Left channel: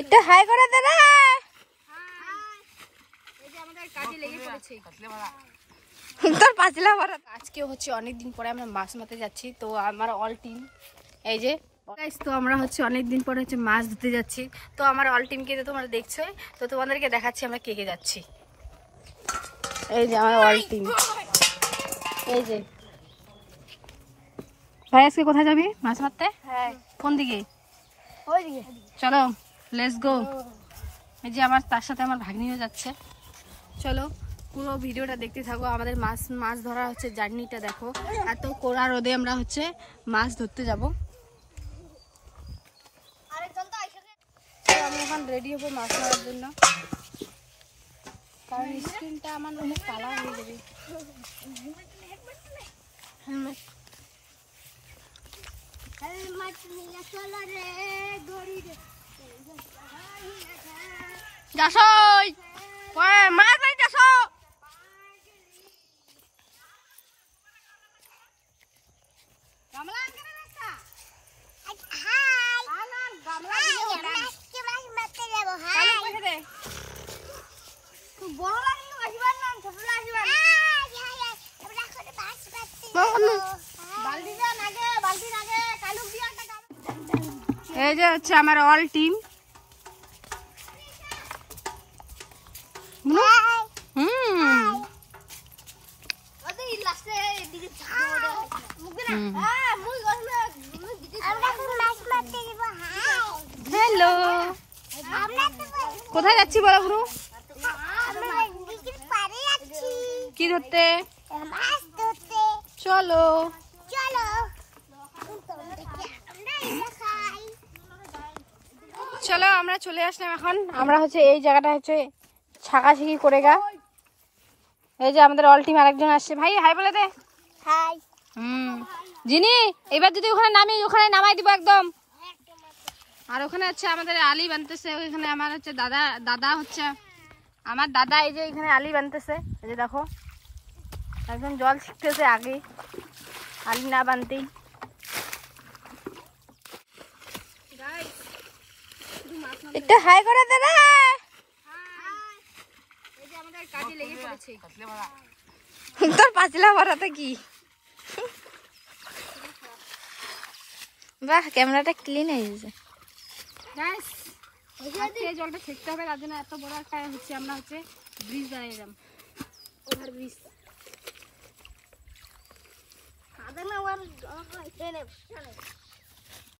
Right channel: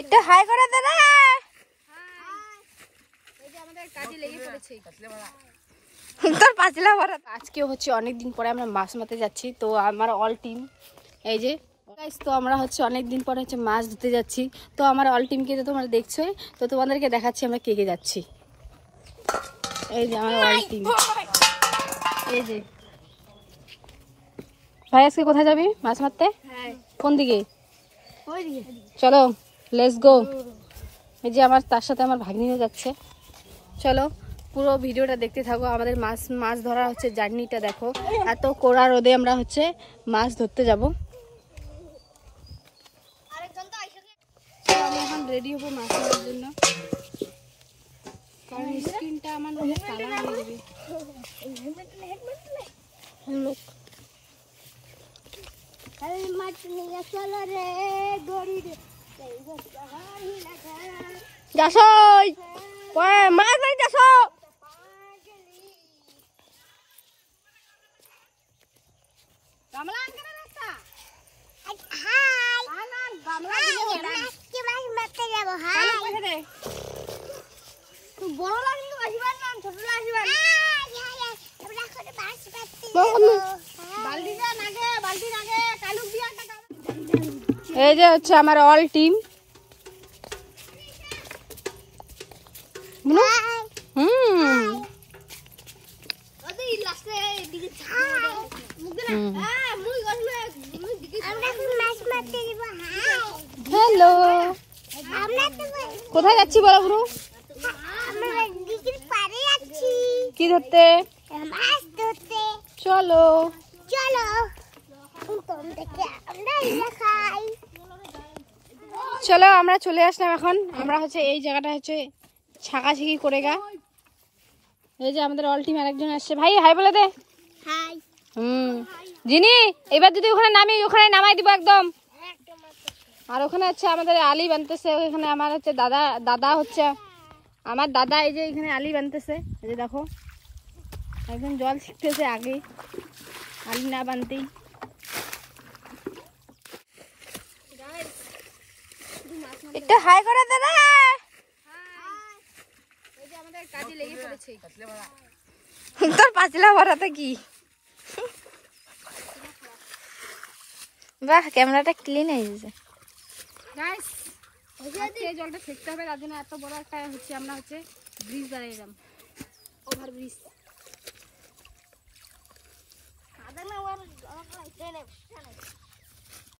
একটু হাই করে দে রে। এই যে আমাদের কাজে লেগে পড়েছে তোর পাঁচলা ভরা। আজকে হচ্ছে অনেকদিন পরে আমরা মাছ মারতে যাচ্ছি, তো আমার অল টিম এই যে তো আমরা হচ্ছে অনেকদিন পরে হচ্ছে মাছ ধরতে যাচ্ছি। তো আমার অল টিমকে তো তোমরা দেখছো, তো তোমাদেরকে দেখাচ্ছি আমরা কে কে যাচ্ছি। এই যে আমার অল টিম, এই যে ভাই আজকে কোথায় যাবি মাছ মারতে? কোন দিকে? চলো লেটস গো। এই যে আমার তার সাথে আমার ভাগ্নিও যাচ্ছে। চলো পুরো ভিডিওটা দেখতে থাকো, আমাদের মাছ ধরা হচ্ছে জার্নিটা দেখো। এত কড়া রোদে আমরা হচ্ছে মাছ ধরতে যাব। আমি এখন রেডি হবো মাছ ধরার জন্য, কারণ স্ক্রিনটা আমার কালার হয়ে যাবে। যাসই মাছ নাই যাস। এই যে হচ্ছে আমার অল টিম। হ্যালো, কোথায় যাচ্ছি বলো গুরু? কি ধরতে? চলো চলো আমরা চলে আসলাম এখন। আমরা হচ্ছে এই জায়গাটা হচ্ছে ছাকাছাকি করে গা। এই যে আমাদের অল টিম আরেকজন আসছে, ভাই হাই বলে দে। হাই। জিনি এবার যদি ওখানে নামি, ওখানে নামাই দিব একদম। আর ওখানে হচ্ছে আমাদের আলি বানতেছে, ওখানে আমার হচ্ছে দাদা হচ্ছে আমার দাদা। এই যে এখানে আলি বানতেছে, এই যে দেখো একজন জল ছিটতেছে আগে আলি না বানতেই। একটু হাই করে দে রে। এই যে আমাদের কাজে লেগে পড়েছে তোর পাঁচলা ভরাতে কি? বাহ, ক্যামেরাটা ক্লিন হয়ে গেছে। গাইস আজকে জলটা ছেঁকতে হবে, তার জন্য এত বড় একটা হচ্ছে আমরা হচ্ছে ব্রিজ বানিয়েলাম, ওভার ব্রিজ।